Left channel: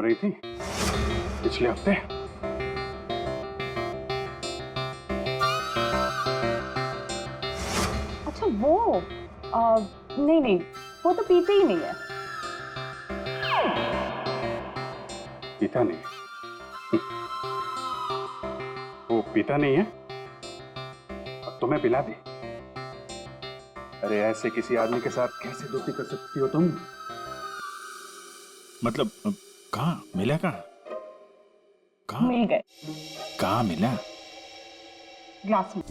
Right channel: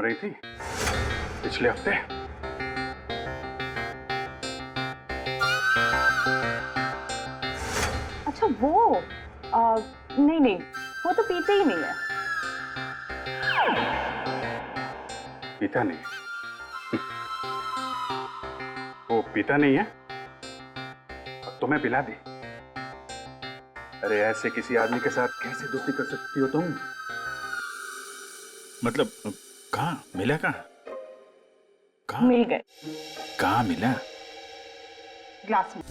घूम रही थी पिछले हफ्ते? अच्छा वो नहीं नहीं, वो तो पीते ही नहीं है। पीता नहीं? वो पीता नहीं है? अब तुम्हें पिला दी। अरे ऐसे किसी आदमी के साथ कैसे दोस्ती कर सकती हो तुम? मतलब कहाँ मिला? कहाँ मिल गए। कहाँ मिला? ग्लास में।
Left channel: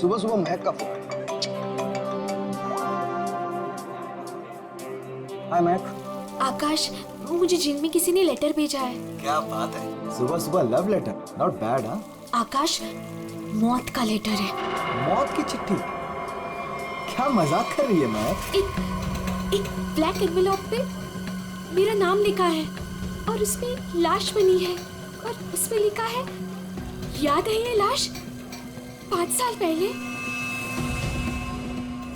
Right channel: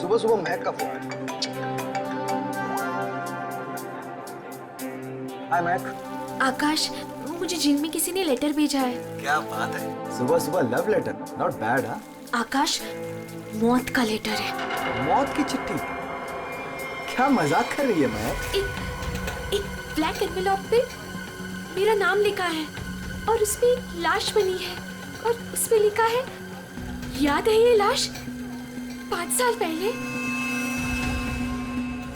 सुबह सुबह महक का फोन। हाय महक। आकाश, मुझे जिम में किसी ने लेटर भेजा है। क्या बात है, सुबह सुबह लव लेटर, नॉट बैड। हाँ आकाश, मौत का लेटर है। मौत की चिट्ठी? क्या मजाक कर रही है महक? एक ब्लैक एनवेलप पे मेरा नाम लिखा है और उसमें एक लाश बनी है और उसमें लिखा है, याद है ये लाश 5 साल पहले?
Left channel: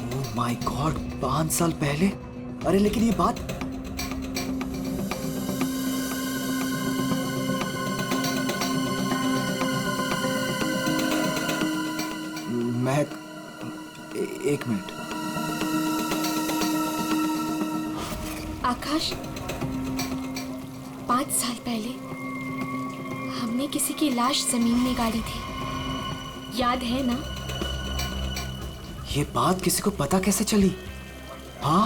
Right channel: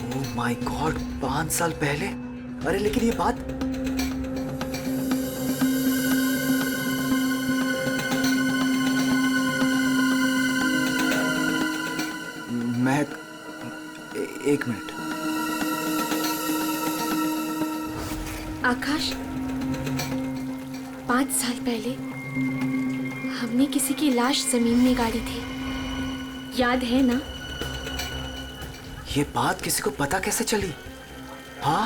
ओह माय गॉड, 5 साल पहले? अरे लेकिन ये बात महक, एक मिनट। आकाश, 5 साल पहले हमने किसी की लाश जमीन में गाड़ी थी, याद है ना? ये बात किसी को पता कैसे चली? हाँ?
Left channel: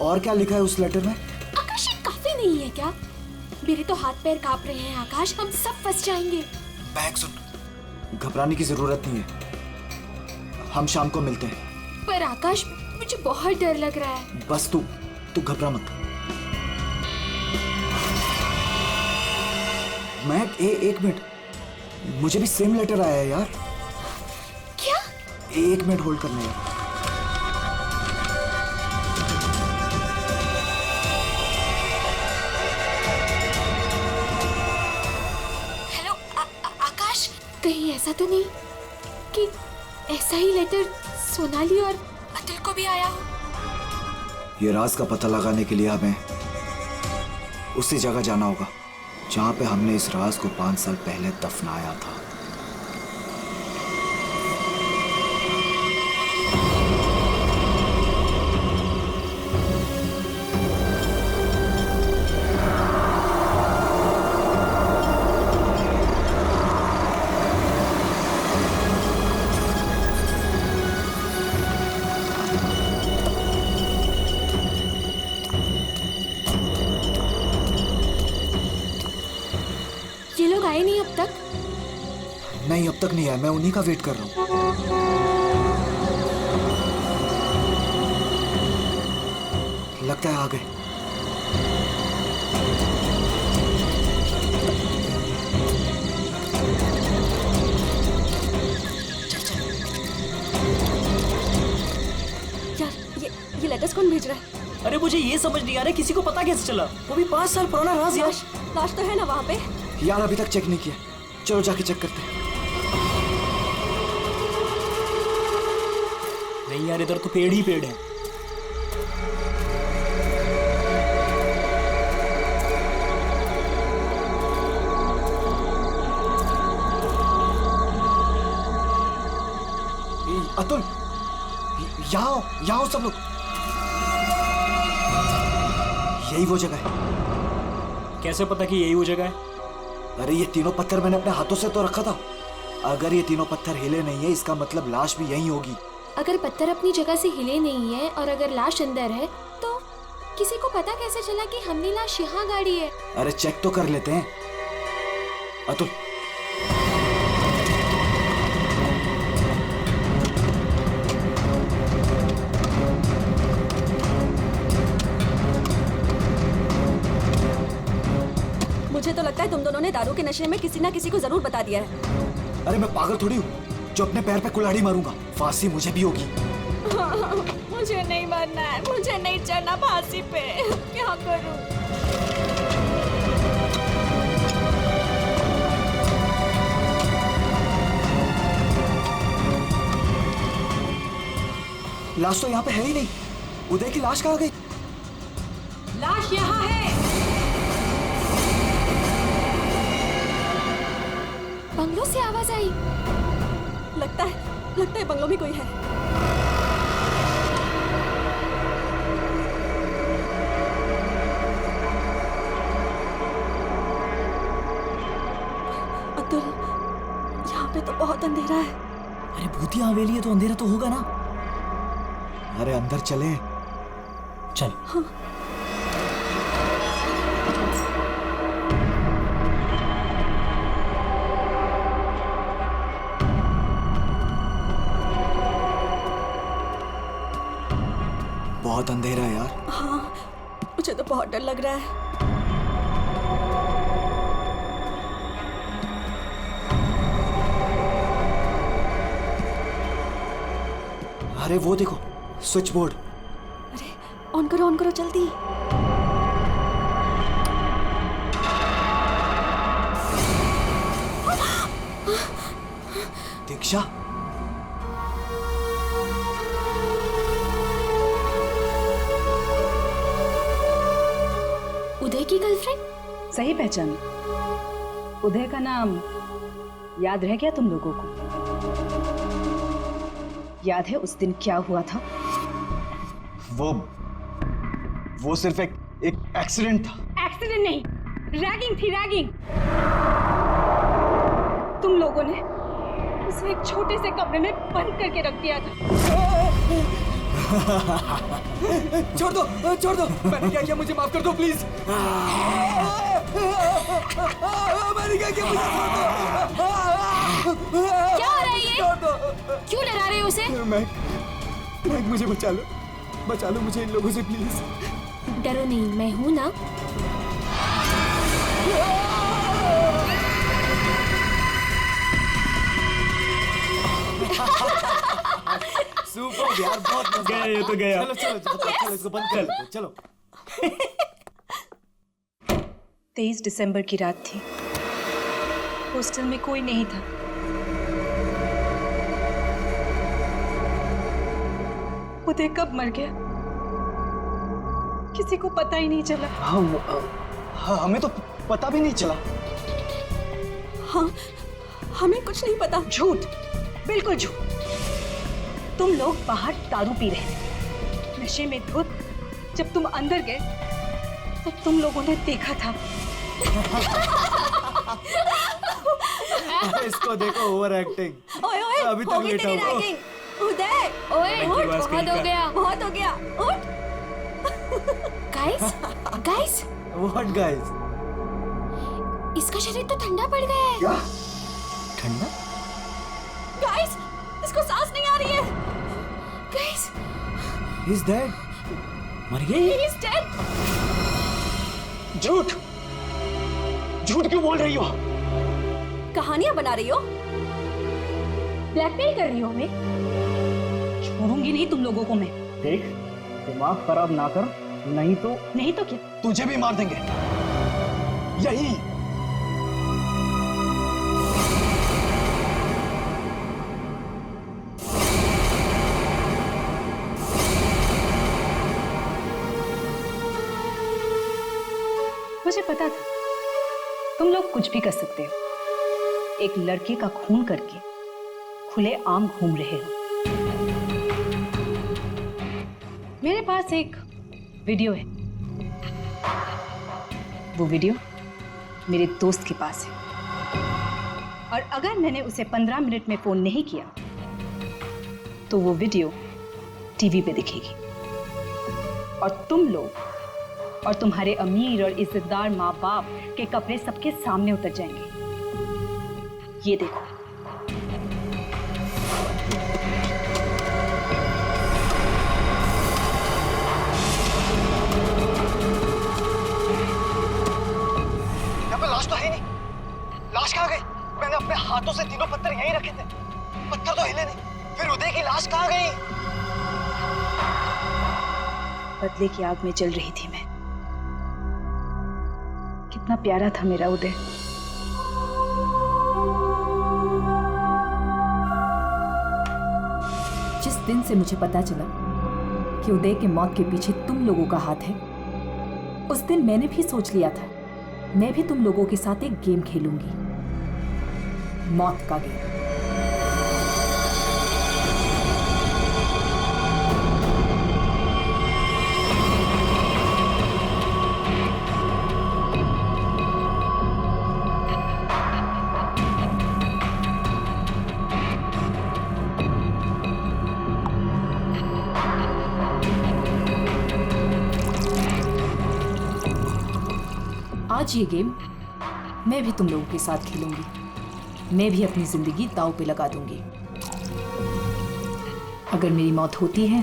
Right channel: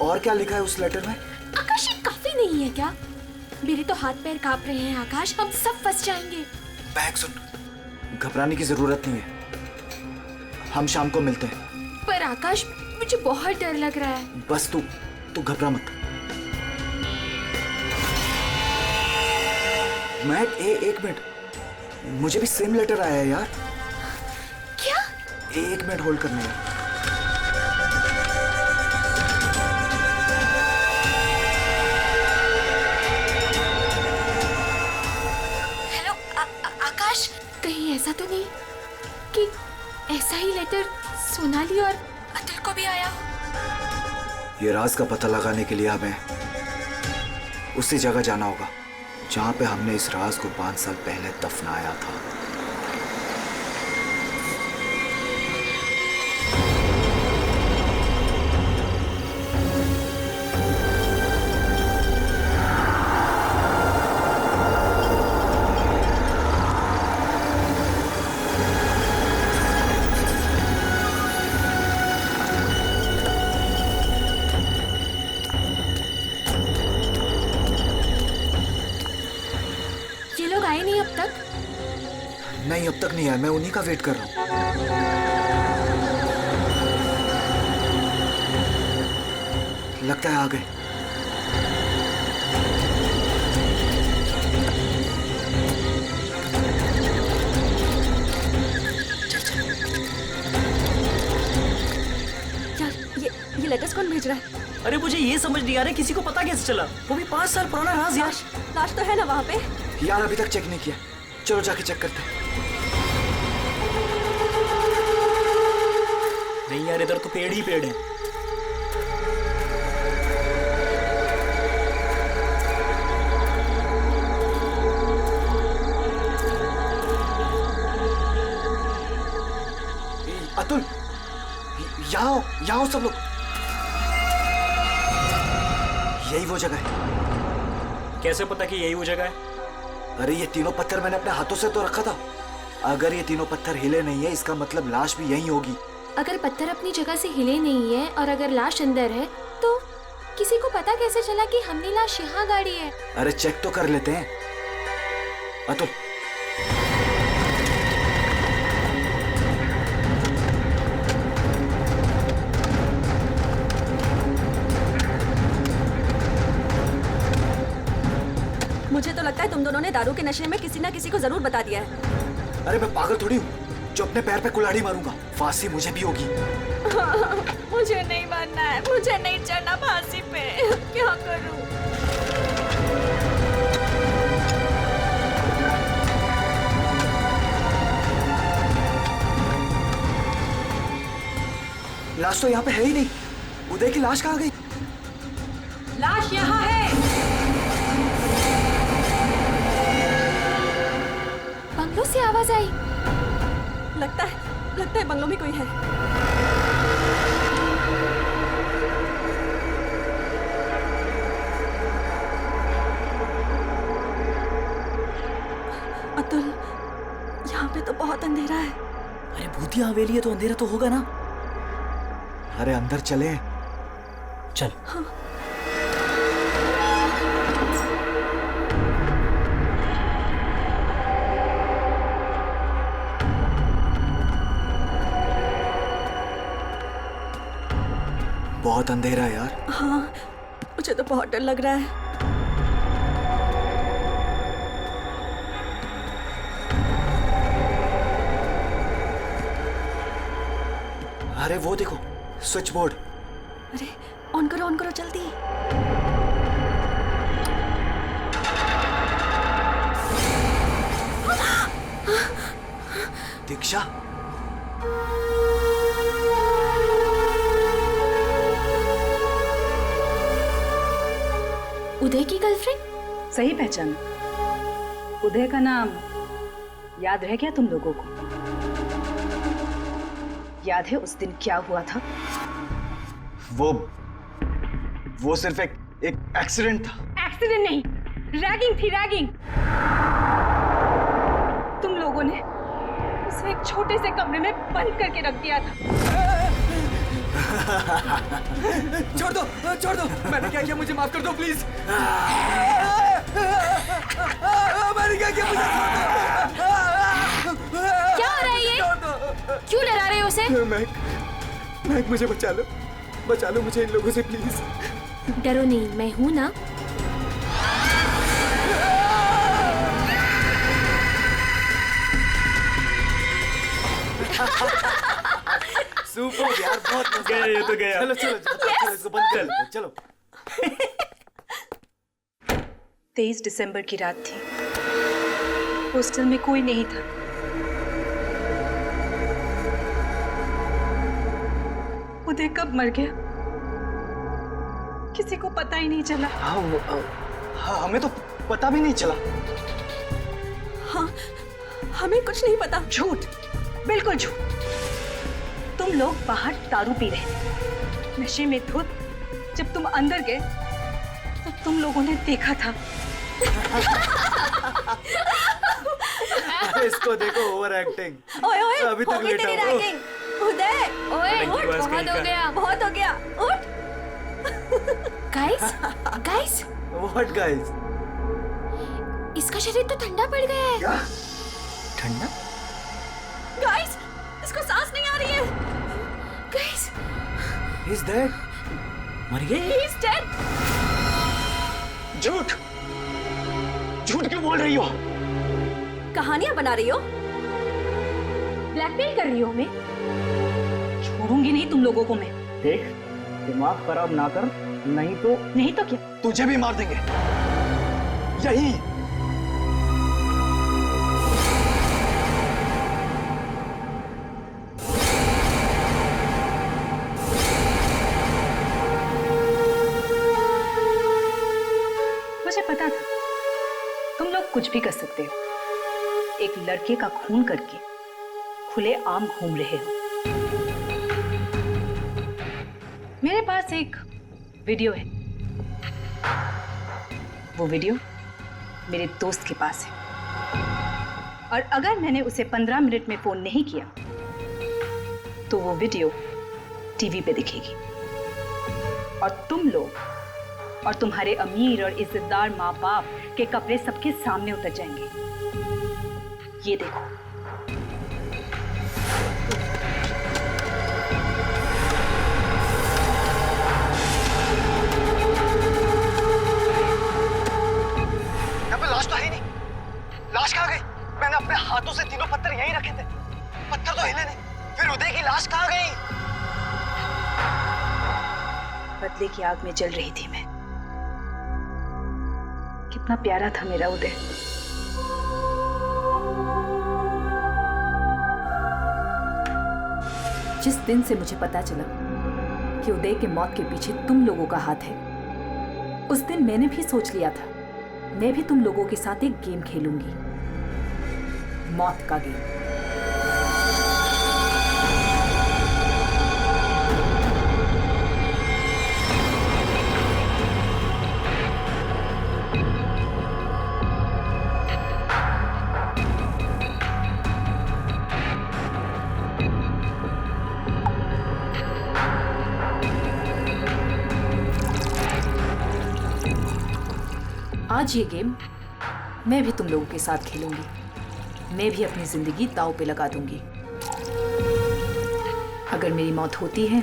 और क्या लिखा है उस लेटर में? आकाश, ये काफी नहीं है क्या? मेरे तो हाथ पैर कांप रहे हैं आकाश, हम सब फंस जाएंगे। महक सुन, घबराने की जरूरत नहीं है, हम शाम को मिलते हैं। पर आकाश, मुझे बहुत डर लग रहा है। बस तू घबरा मत। महक, एक मिनट, मुझे भी सेम लेटर आया है यार। क्या? एक मिनट होल्ड करने यार। हेलो आकाश, कहीं ऐसा तो नहीं कि ऐसा ही लेटर सोनाली और अतुल को भी आया हो? ये राज का पता लगाने के लिए हमें उसी जगह जाना होगा जहां पे हमने इस राज को 5 साल पहले दफनाया था। ये लोग आए नहीं अब तक? नहीं, अब तक नहीं आया, मैं उन्हीं का वेट कर रहा हूं। लगता है आ गए। यार ये लेटर्स कौन भेज रहा है? अरे मुझे ये समझ नहीं आ रहा किसी को पता कैसे चला, वो भी 5 साल पुराना राज यार। लाश तो है ना वहाँ पे? यार अभी तक चेक नहीं किया, चलो जाके चेक करते हैं। नहीं यार, इधर तो पेड़ ही पेड़ है। अतुल, यहाँ आओ सब लोग। यही वो जगह है। कैसे पता कि यही वो जगह है? अरे ये तीनों पत्थर मैंने अपने हाथों से तो रखा था। अगर ये तीनों पत्थर हिले नहीं है, इसका मतलब लाश भी यहीं होगी। अगर पत्थर अपनी जगह से हिले नहीं है और अगर लाश अंदर है तो किसी को पता कैसे चला कि हमने लाश यहाँ गाड़ी है? अरे चेक तो कर लेते हैं। अतुल, मुझे तो लगता है तुम दोनों ने दारू के नशे में किसी ना किसी को जरूर बता दिया है। अरे मैं पागल थोड़ी हूँ जो अपने पैर पे कुल्हाड़ी मारूंगा। फांसी मुझे भी होगी। मुझे नहीं मरना है, मुझे नहीं चढ़ना फांसी पे। क्या करूं? लाश तो यहाँ पे है ही नहीं। उदय की लाश कहाँ गई? लाश यहाँ है। बंगलों से आवाज आई। लगता है बंगलों में कोई है। अतुल, यहाँ पे तो बहुत अंधेरा है। अरे भूतिया हवेली है तो अंधेरा तो होगा ना। अरे अंदर चले। चल। हाँ। बहुत अंधेरा है यार। हाँ, मुझे तो बहुत डर लग रहा है। अरे वो देखो, स्विच बोर्ड। अरे ऑन करो जल्दी। दीक्षा, उदय की गर्लफ्रेंड? सही पहचान। उदय का नाम याद रह गया तुम लोगों को? याद है उस दिन क्या हुआ था? वो सिर्फ एक एक्सीडेंट था। एक्सीडेंट नहीं, रैगिंग थी, रैगिंग। तुम लोगों ने उसे एक छोटे से कमरे में बंद करके रख दिया था। छोड़ दो। मैंने क्या किया, मुझे माफ कर दो प्लीज। मैंने क्या किया, मुझे छोड़ दो। क्या हो रहा है ये? क्यों डरा रहे हो उसे? मैक, मुझे बचा लो मुझे इन लोगों से प्लीज। डरो नहीं, मैं हूं ना। सुपर यार, बहुत मजा गया ये तो गया। चलो इसको बंद कर लेते, चलो। 23 दिसंबर की रात थी। हॉस्टल में कोई नहीं था। उदय कब मर गया किसी को पता ही नहीं चला। हाँ, हमें तो पता भी नहीं चला। हाँ, हमें कुछ नहीं पता। झूठ, बिल्कुल झूठ। तुम लोग बाहर दारू पी रहे थे, नशे में धुत। जब तुम अंदर गए तो तुम लोगों ने देखा था। इसको देखो, ओवर एक्टिंग। ओए अभी तक हो गई लेटा तेरी हुआ। रैगिंग। उदय, ओए Thank you, उठ, बस बहुत कहीं हो का। गया। बहुत हो गया, उठ। Guys, what guys? इसका शरीर तो ठंडा पड़ गया है। क्या? ठंडा? गाइस, इसको सांस नहीं आ रही है। Guys, He's dead. मर गए? He is dead. झूठ क्यों बोल रही हो? कहानियां बना रही हो? ब्लैकमेल कर रही हो हमें? छोड़ूंगी नहीं तुम लोगों को मैं। देख, दिमाग खराब ना कर, नहीं तो क्या? तुझे भी मार देंगे यही। मुझे पता था तुम लोग कुछ भी कर सकते हो। एक लड़के का खून करके खुले आम घूम रहे हो। मेरे पास एक वीडियो है। वो वीडियो मेरे दोस्त के पास है, और अगर मैंने उसे 15 मिनट में फोन नहीं किया तो वो वीडियो टीवी पे दिखेगी और तुम लोग और तुम्हारे अमीर और इज्जतदार माँ बाप के कपड़े सबके सामने उतर जाएंगे। ये देखो। यहाँ पे लाश तो है ही नहीं। लाश कहाँ गई? मैंने अपने हाथों से तीनों पत्थर यहीं रखे थे, पत्थर तो हिले नहीं। फिर उदय की लाश कहाँ गई? बदले की आग में जल रही थी मैं। कितना प्यारा था मेरा उदय। जिस दिन से मुझे पता चला कि उदय के मौत के पीछे तुम लोगों का हाथ है, उस दिन मैंने भी सोच लिया था मैं भी तुम लोगों के साथ एक गेम खेलूंगी, मौत का गेम। आज ये गेम मैं भी तुम लोगों के साथ खेलूंगी। मैं भी अपनी जिंदगी दांव पे लगा दूंगी। अगर मेरी मौत होती है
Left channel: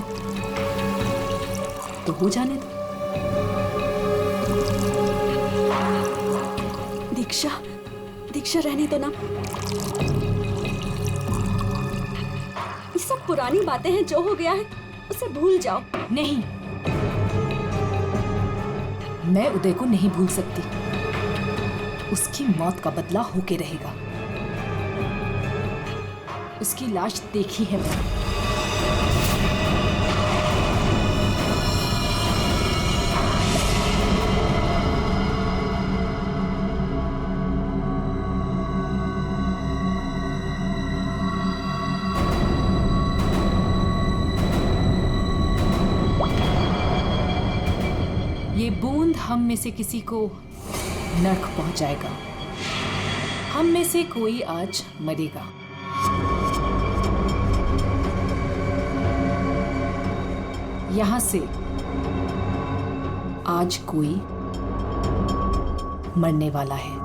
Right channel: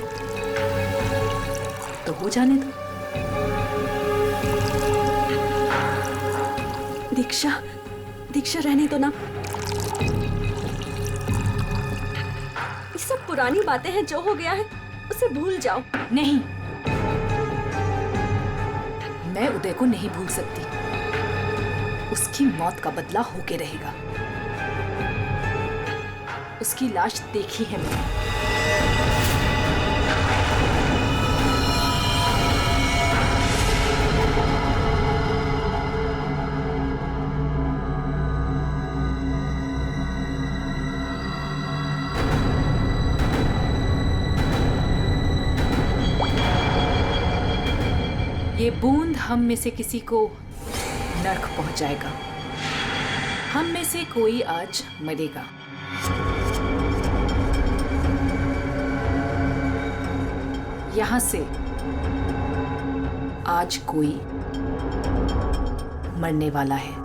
तो हो जाने दो। दीक्षा, दीक्षा रहने दो ना। ये सब पुरानी बातें हैं, जो हो गया है उसे भूल जाओ। नहीं, मैं उदय को नहीं भूल सकती। उसकी मौत का बदला होके रहेगा। उसकी लाश देखी है मैंने। ये बूंद हम में से किसी को नर्क पहुंचाएगा। हम में से कोई आज मरेगा। यहां से आज कोई मरने वाला है।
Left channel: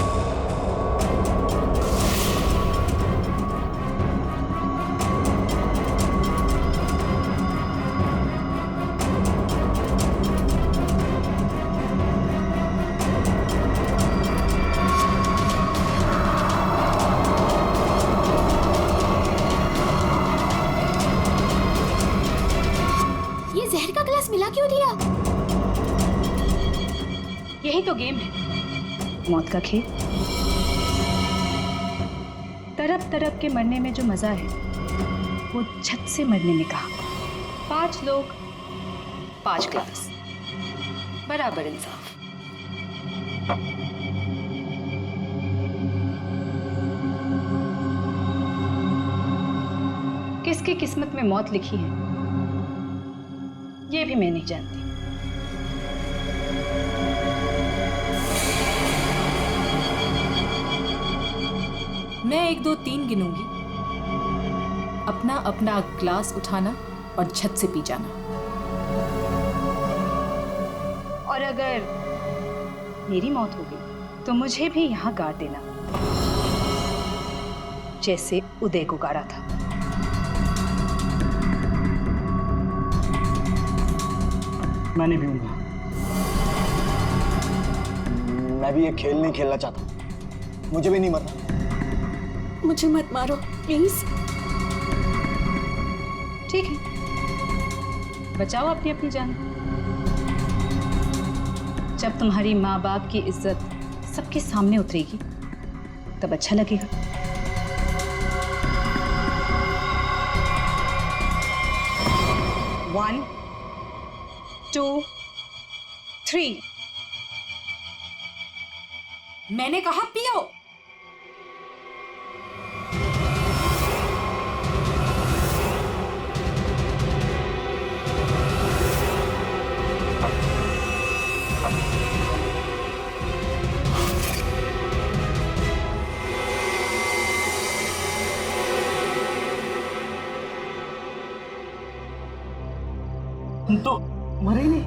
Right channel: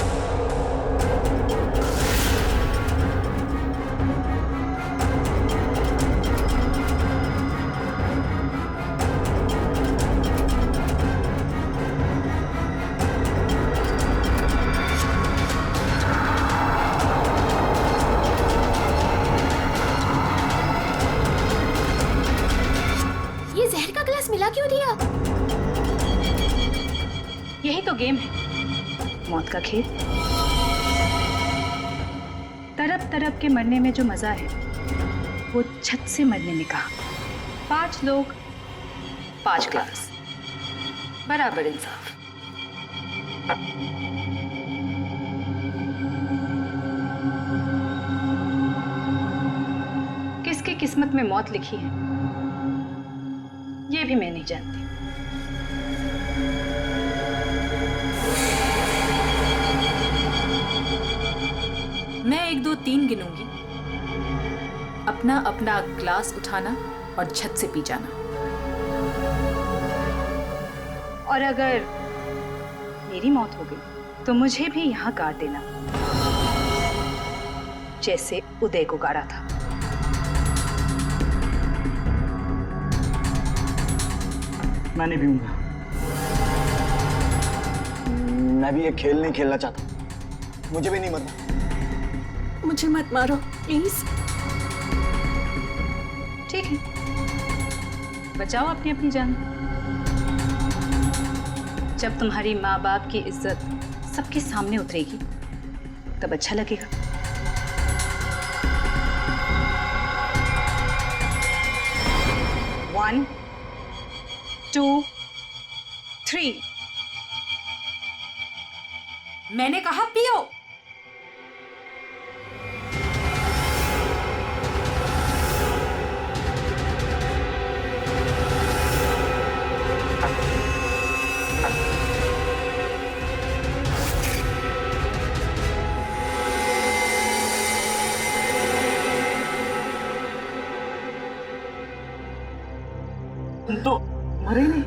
जहर का ग्लास मिला क्यों दिया? यही तो गेम है, मौत का खेल। तरफ तरफ के मरने में जो मजा है वो छत से मरने में कहा। 5 लोग 5 ग्लास, बराबर इंसाफ। किसकी किस्मत में मौत लिखी है ये भी मैं नहीं जानती। मैं 1 2 3 गिनूंगी। अपना अपना ग्लास उठाना और छत से पी जाना। और अगर मेरी मौत हो गई तो मुझे भी यहां गाड़ देना, जैसे उदय को गाड़ा था। मैं नहीं पीऊंगा। मैं भी ये खेल नहीं खेलना चाहता। मुझे भी नहीं मरना। मुझे मत मारो प्लीज। ठीक है, बचाओ अपनी अपनी जान। जब तुम्हारी माँ बाप की इज्जत सबके सामने उतरेगी तब अच्छा लगेगा। One, 2, 3। मैंने कहा पियो। तुम तो मरे ही नहीं।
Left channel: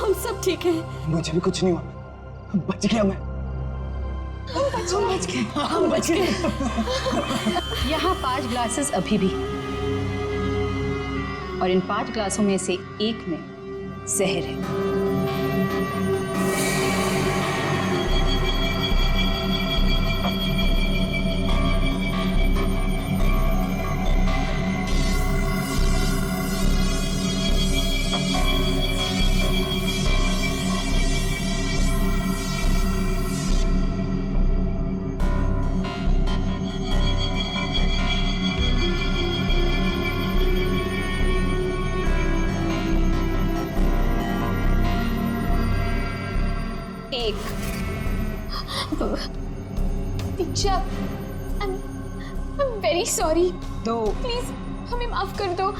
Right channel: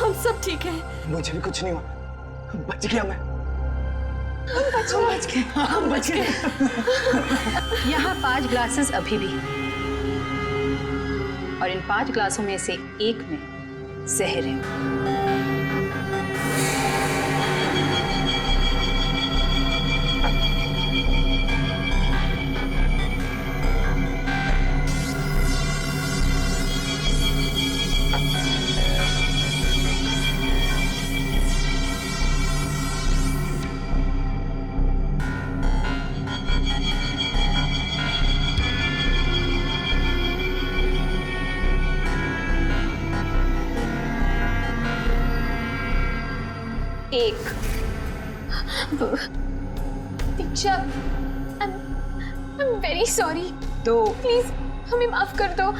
हम सब ठीक हैं। मुझे भी कुछ नहीं हुआ, बच गया मैं। हम बच गए। यहाँ 5 ग्लासेस अभी भी, और इन 5 ग्लासों में से एक में जहर है। एक। दीक्षा, I'm very sorry. 2, प्लीज हमें माफ कर दो।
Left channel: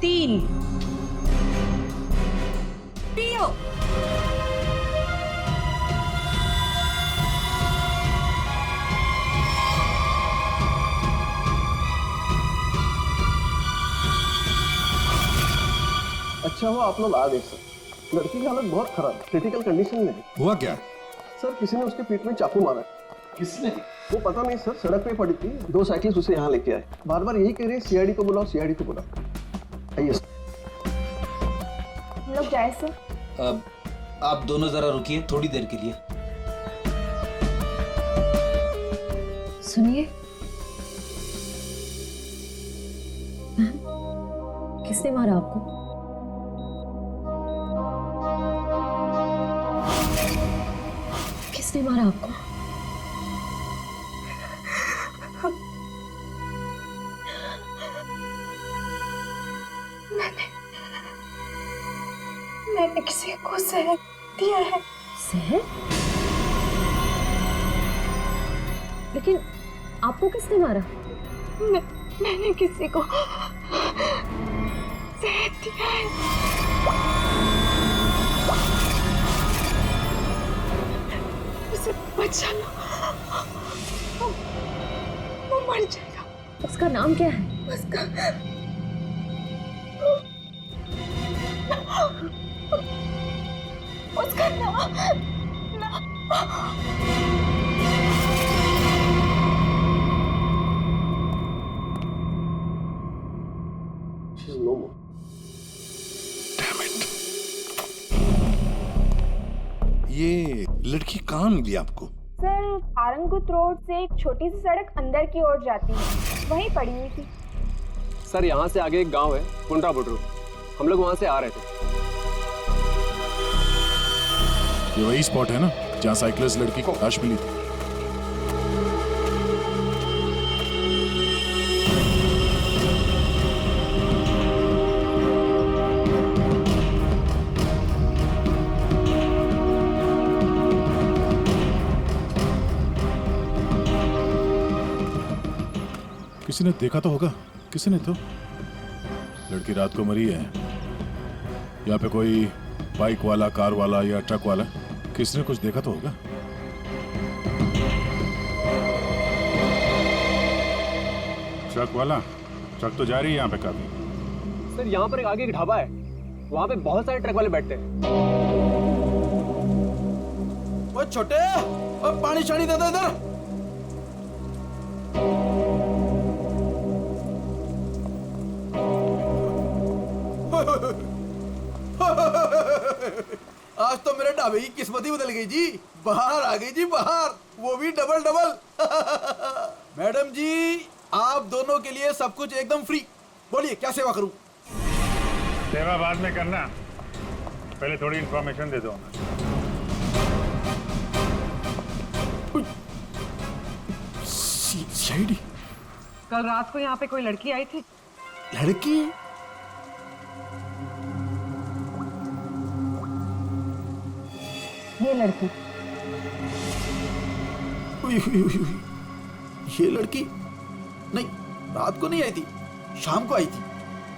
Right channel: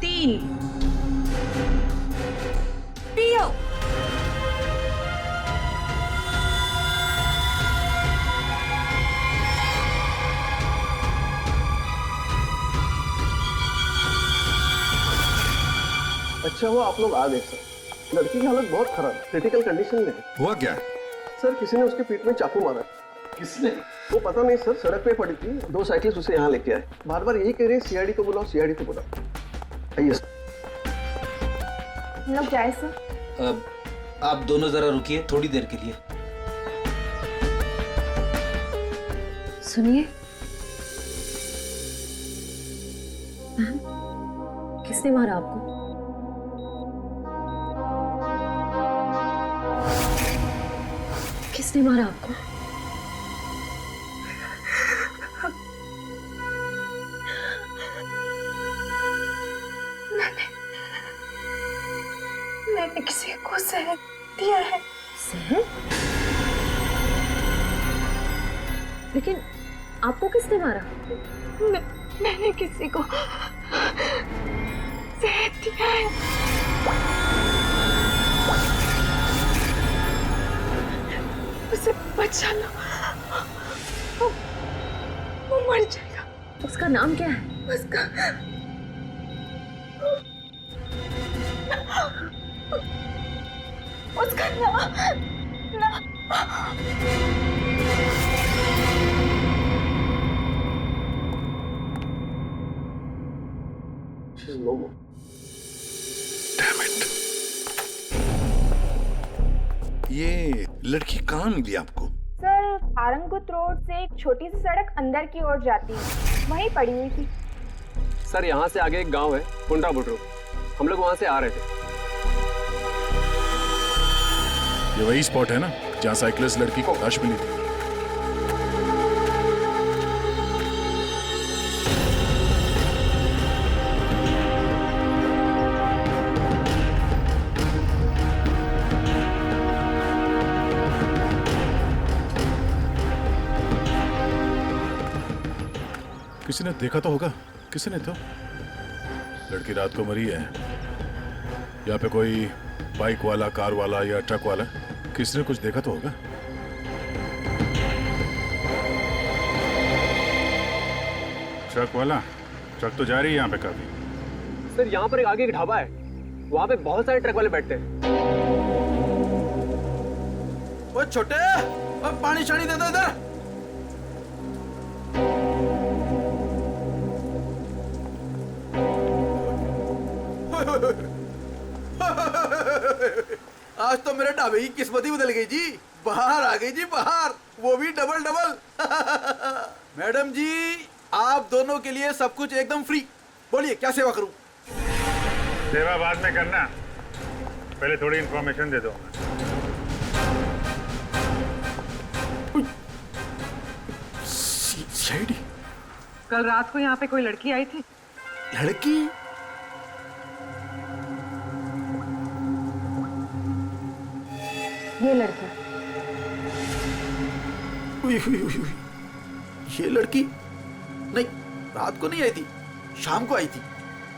3, पियो। अच्छा हुआ आप लोग आ गए सर। लड़की की हालत बहुत खराब, क्रिटिकल कंडीशन में है। हुआ क्या? सर किसी ने उसके पीठ में चाकू मारा। किसने? वो पता नहीं सर, सड़क पे पड़ी थी, 2 साइकिल्स उसे यहाँ लेके आए। बार बार यही कह रहे सीआईडी को बुलाओ, सीआईडी को बुलाओ। आइए सर। हम लोग जाए सर। अब आप दोनों जरा रुकिए थोड़ी देर के लिए। सुनिए, किसने मारा आपको? किसने मारा आपको? मैंने किसी को जहर दिया है। जहर? लेकिन आपको किसने मारा? मैंने किसी को जहर दिया है। उसे बचा लो, वो मर जाएगा। उसका नाम क्या है? उसका नाम She's no more. Damn it. ये लड़की कहाँ मिली आपको? सर, आरंगुत रोड से एक छोटी सी सड़क अंदर की ओर जाती है, वहीं पड़ी हुई थी। सर यहाँ से आगे एक गांव है, पुंडा बुड्रू। हम लोग वहाँ से आ रहे थे। ये वही स्पॉट है ना जहाँ साइकिलिस्ट लड़की को लाश मिली थी? किसी ने देखा तो होगा। किसी ने तो। लड़की रात को मरी है। यहाँ पे कोई बाइक वाला, कार वाला या ट्रक वाला, किसी ने कुछ देखा तो होगा। ट्रक वाला? ट्रक तो जा रही है यहाँ पे काफी। सर यहाँ पर एक आगे एक ढाबा है, वहाँ पे बहुत सारे ट्रक वाले बैठते हैं। वो छोटे, वो पानी शानी दे दो इधर। आज तो मेरे ढाबे की किस्मत ही बदल गई जी। बाहर आ गई जी, बाहर, वो भी डबल डबल। मैडम जी, आप दोनों के लिए सब कुछ एकदम फ्री। बोलिए क्या सेवा करूं? सेवा बाद में करना, पहले थोड़ी इंफॉर्मेशन दे दो हमें। सीआईडी? कल रात को यहाँ पे कोई लड़की आई थी? लड़की? ये लड़की। ये लड़की नहीं, रात को नहीं आई थी, शाम को आई थी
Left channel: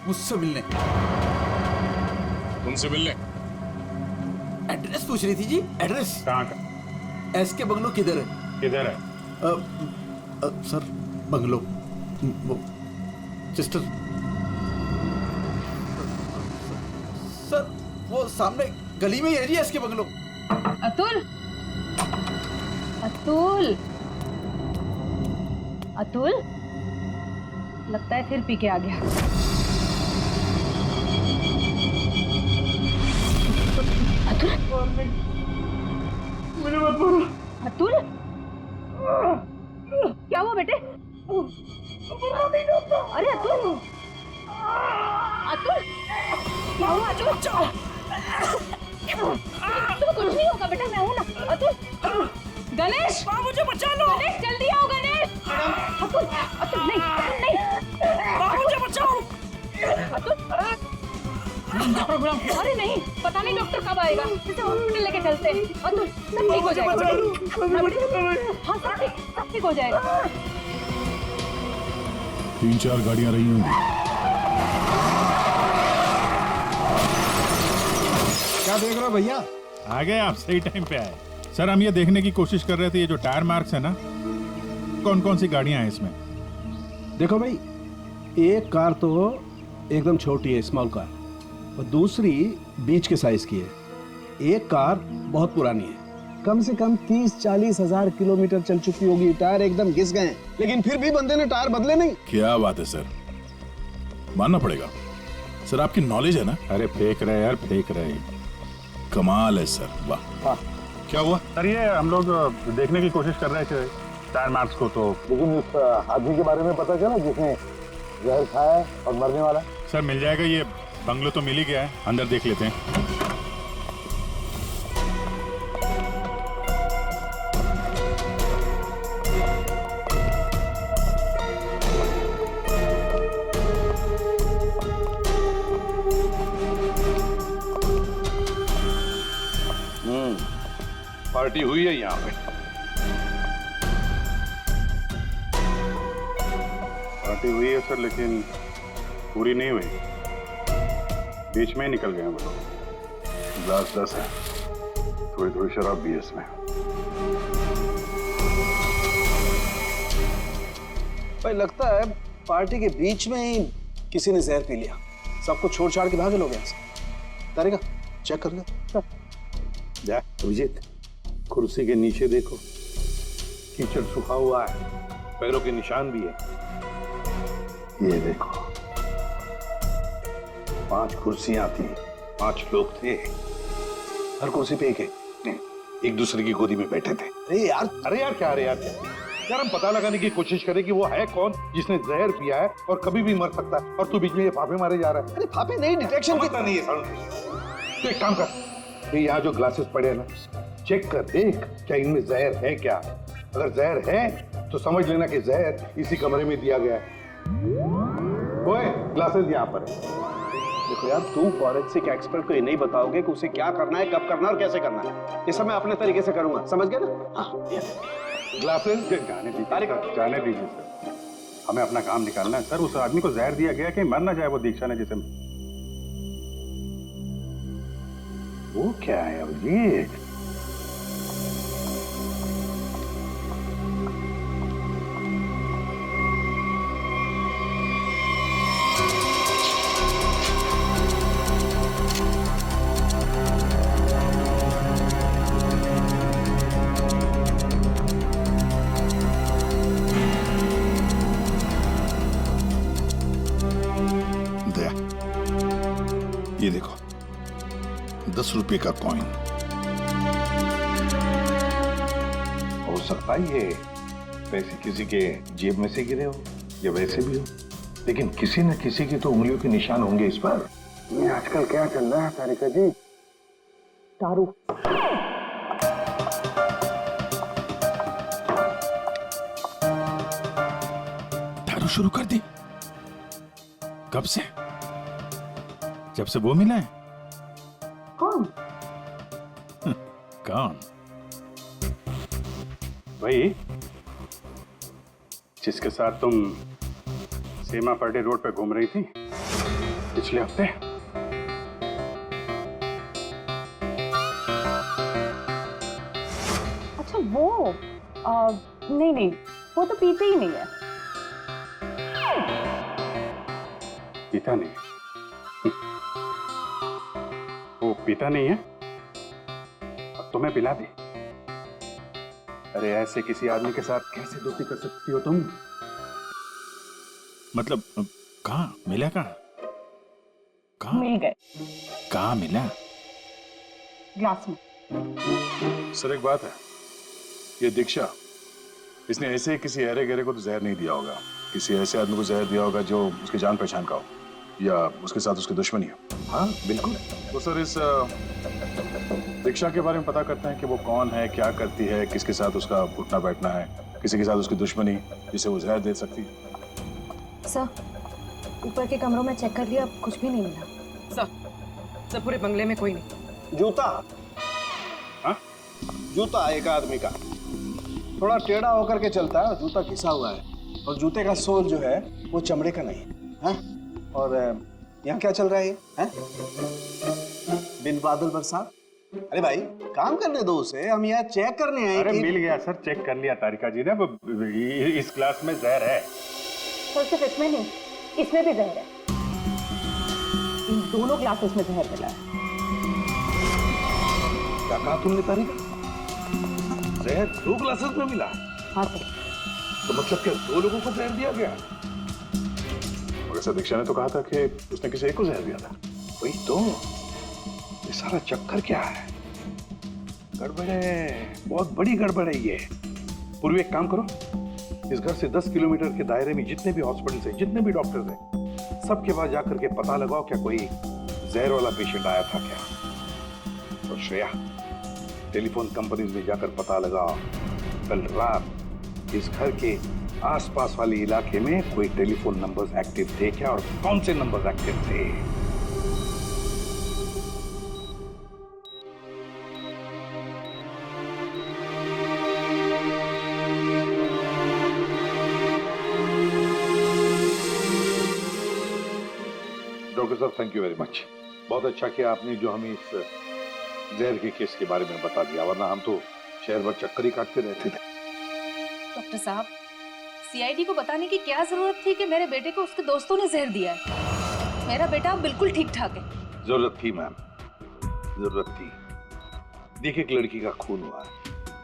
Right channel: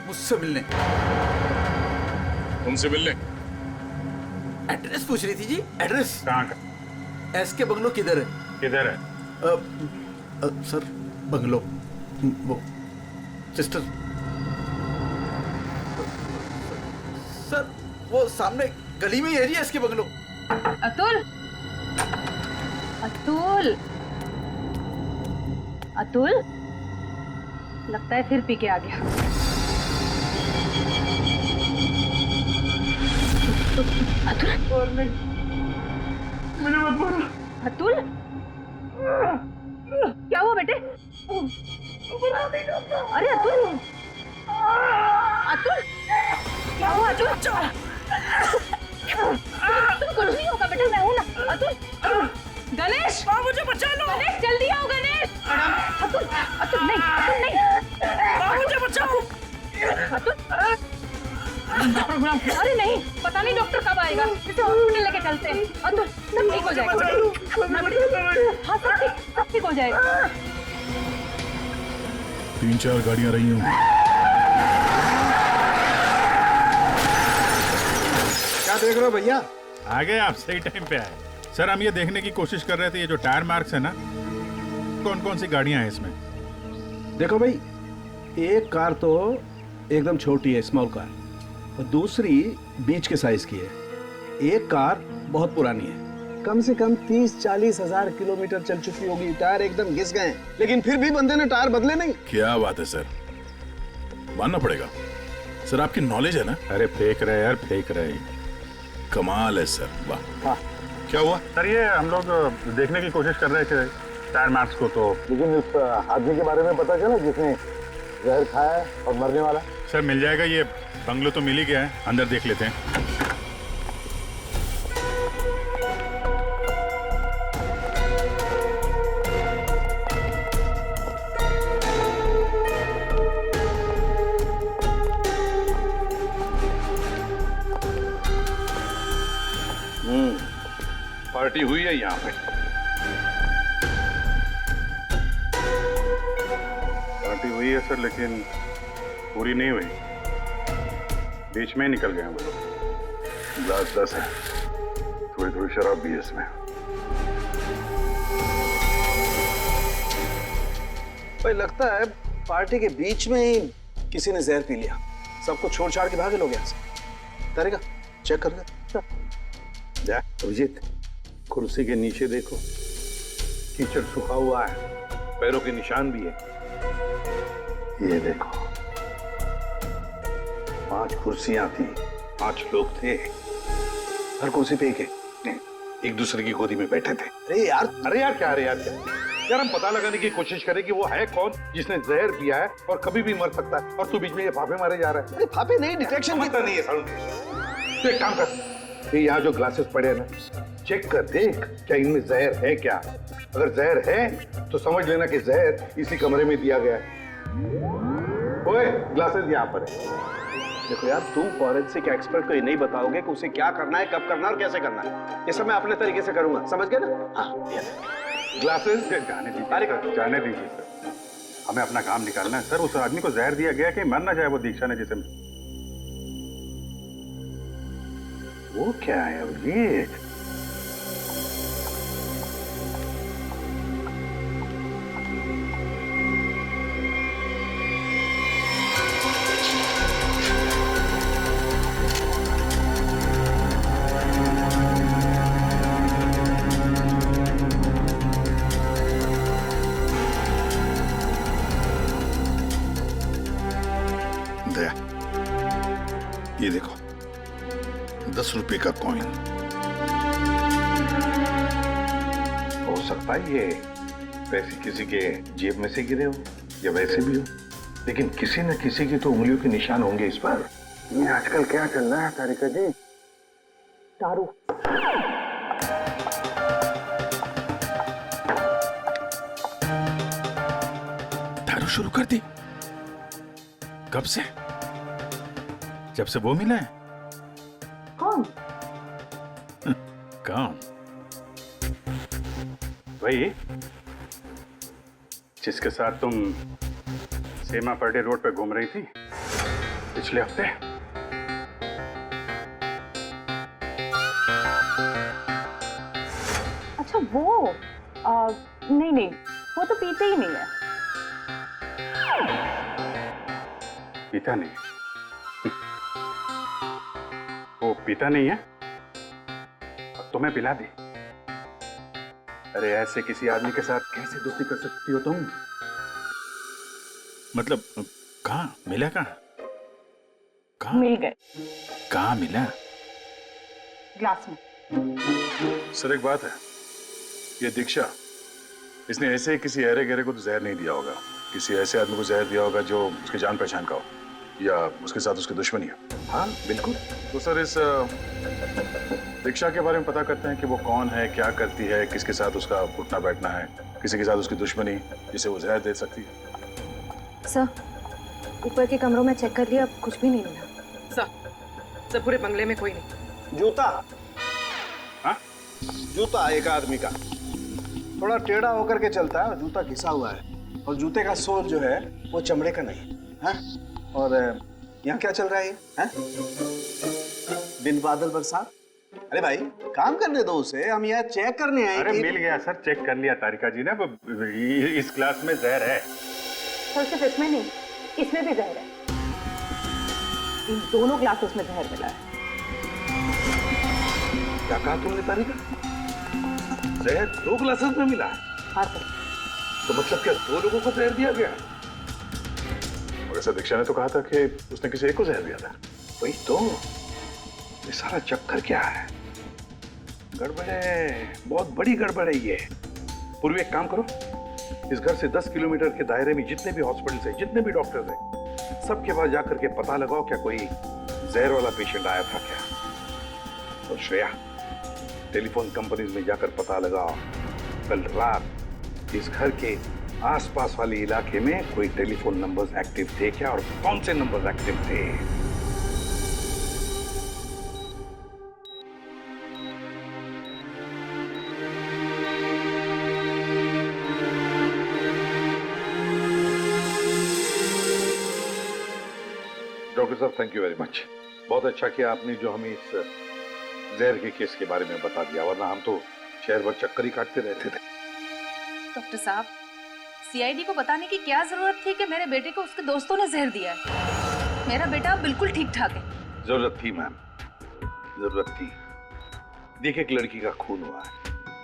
मुझसे मिलने। तुमसे मिलने? एड्रेस पूछ रही थी जी, एड्रेस। कहाँ का? एसके बंगलो किधर है? किधर है? सर बंगलो वो सिस्टर सर वो सामने गली में ही है जी एसके बंगलो। अतुल, अतुल, अतुल, लगता है फिर पी के आ गया। अतुल, मुझे मत मारो। अतुल, क्या हुआ बेटे? अरे अतुल, अतुल, क्या हुआ अतुल? तुम्हें कुछ नहीं होगा बेटा, मैं हूं ना। अतुल, गणेश, मुझे बचा लो। गणेश जल्दी आओ गणेश। अतुल, अतुल नहीं, अतुल नहीं, मुझे बचाओ। अतुल, अरे नहीं, पता नहीं डॉक्टर कब आएगा, इसे हॉस्पिटल लेके चलते हैं। अतुल, सब ठीक हो जाएगा। हाँ सब ठीक हो जाएगा। 3-4 गाड़ियां रही होंगी। क्या देख रहे हो भैया? आ गए आप, सही टाइम पे आए। सर हम ये देखने की कोशिश कर रहे थे, ये जो टायर मार्क्स है ना, कौन कौन सी गाड़ियां हैं इसमें? देखो भाई, एक कार तो एकदम छोटी है, स्मॉल कार, और दूसरी बीच के साइज की है। एक कार बहुत पुरानी है, कम से कम 30-40 हजार किलोमीटर चल चुकी होगी, टायर एकदम घिस गए, लेकिन फिर भी बंदे ने टायर बदले नहीं। क्या बात है सर, मानना पड़ेगा सर, आपकी नॉलेज है ना। अरे फेंक रहे यार, फेंक रहे। कमाल है सर, वाह। क्या हुआ सर? ये हम लोग देखने की कोशिश कर रहे थे टायर मार्क्स को, तो लेकिन उस आदमी के बारे में पता चला जिसने जहर खाया है और मरने वाला? सर मिल जाएगा, ये बंगलो तो मिल ही गया है, अंदर देख लेते हैं। पार्टी हुई है यहाँ पे। पार्टी हुई है सर, लेकिन पूरी नहीं हुई, बीच में ही निकल गए हैं वो लोग। ग्लास 10 है, थोड़ी थोड़ी शराब भी है इसमें। भाई लगता है पार्टी के बीच में ही किसी ने जहर पी लिया, सबको छोड़ छाड़ के भागे लोग यहाँ से। तारिका चेक कर ले। जा अभिजीत, कुर्सी के नीचे देखो, कीचड़ सूखा हुआ है, पैरों के निशान भी है। ये देखो, 5 कुर्सियां थी, 5 लोग थे, हर कुर्सी पे एक दूसरे की गोदी में बैठे थे। अरे यार क्या यार, हम पता लगाने की कोशिश करें कि वो है कौन जिसने जहर पिया है और कभी भी मर सकता है, और तू बीच में ये फाफे मारे जा रहा है। अरे फाफे नहीं, डिटेक्शन की नहीं है। तो एक काम कर, ये यहाँ जो ग्लासेस पड़े हैं ना, चेक कर देख क्या इनमें जहर है क्या। अगर जहर है तो समझ लेना कि जहर इसी कमरे में दिया गया है। ओए, ग्लासेस यहाँ पर है। देखो यार, तुम फॉरेंसिक एक्सपर्ट को ये नहीं बताओगे कि उसे क्या करना है, कब करना है और कैसे करना है। ये सब मैं अपने तरीके से करूंगा, समझ गए ना? हाँ, ग्लासेस जाने दीजिए, जाने दीजिए सर, हमें अपना काम निकालना है सर। उस आदमी को जहर दिया गया कि मर ना जाए वो दीक्षा ने जिसे। वो क्या है अभिजीत? दया, ये देखो 10 रुपए का कॉइन। हो सकता है ये पैसे किसी के जेब में से गिरे हो या वैसे भी हो, लेकिन किसी न किसी की तो उंगलियों के निशान होंगे इस पर। ये आजकल क्या चल रहा है तारिका जी? दारू। दारू शुरू कर दी? कब से? जब से वो मिला है? कौन? कौन? वही जिसके साथ तुम सेमा पर्डे रोड पे घूम रही थी पिछले हफ्ते। अच्छा वो नहीं नहीं, वो तो पीते ही नहीं है। पीता नहीं? वो पीता नहीं है, अब तुम्हें पिला दी। अरे ऐसे किसी आदमी के साथ कैसे दोस्ती कर सकती हो तुम? मतलब कहाँ मिला? कहाँ मिल गए। कहाँ मिला? ग्लास में। सर एक बात है, ये दीक्षा, इसने ऐसे किसी अहरे गहरे को तो जहर नहीं दिया होगा। किसी ऐसे आदमी को जहर दिया होगा जो उसकी जान पहचान का हो या उसके साथ उसकी दुश्मनी हो। हाँ बिल्कुल। तो सर इस दीक्षा के बारे में पता करते हैं कि वो कौन है, क्या करती है, किसके साथ उसका उठना बैठना है, किसी के साथ उसकी दुश्मनी जिसे वो जहर दे सकती है। सर ऊपर के कमरों में चेक कर लिया, कुछ भी नहीं मिला। सर पूरे बंगले में कोई नहीं। जूता। हाँ? जूता एक आदमी का थोड़ा टेढ़ा होकर के चलता है और जूता घिसा हुआ है, और जूते का सोल जो है वो चमड़े का नहीं है। और यहाँ क्या चल रहा है? बिन बादल बरसात। अरे भाई काम करने दो उसे, हम यहाँ चेक करने आए। अरे मिल गया सर, चेक कर लिया तारिका जी ने। इस ग्लास में जहर है। सर सिर्फ इसमें नहीं, इसमें भी जहर है। इन दोनों ग्लासेस में जहर मिला है। क्या कहा तुमने तारिका? जहर 2 ग्लासेस में मिला? हाँ सर। तो मतलब क्या 2 लोगों को जहर दिया गया? मगर सर दीक्षा ने तो कहा था कि उसने किसी एक को जहर दिया था। वही तो, ये सारा चक्कर क्या है? गड़बड़ है, बहुत बड़ी गड़बड़ है ये। पूर्वी एक काम करो, इस घर से 10 किलोमीटर के दायरे में जितने भी हॉस्पिटल्स हैं, जितने भी डॉक्टर्स हैं, सबके पास जाकर के पता लगाओ क्या कोई जहर वाला पेशेंट आया था क्या। और श्रेया, टेलीफोन कंपनीज में जाकर पता लगाओ कल रात इस घर के आसपास वाले इलाके में कोई टेलीफोन नंबर्स एक्टिव थे क्या, और कौन से नंबर्स एक्टिव थे। डॉक्टर साहब थैंक यू वेरी मच, बहुत अच्छा किया आपने जो हमें इस जहर के केस के बारे में बता दिया, वरना हम तो शहर भर चक्कर ही काटते रहते थे। डॉक्टर साहब, सीआईडी को बताने की क्या जरूरत थी कि मेरे बेटे को उसके दोस्तों ने जहर दिया है? मेरा बेटा बिल्कुल ठीक ठाक है। जरूरत थी मैम, जरूरत थी। देखिए एक लड़की का खून हुआ है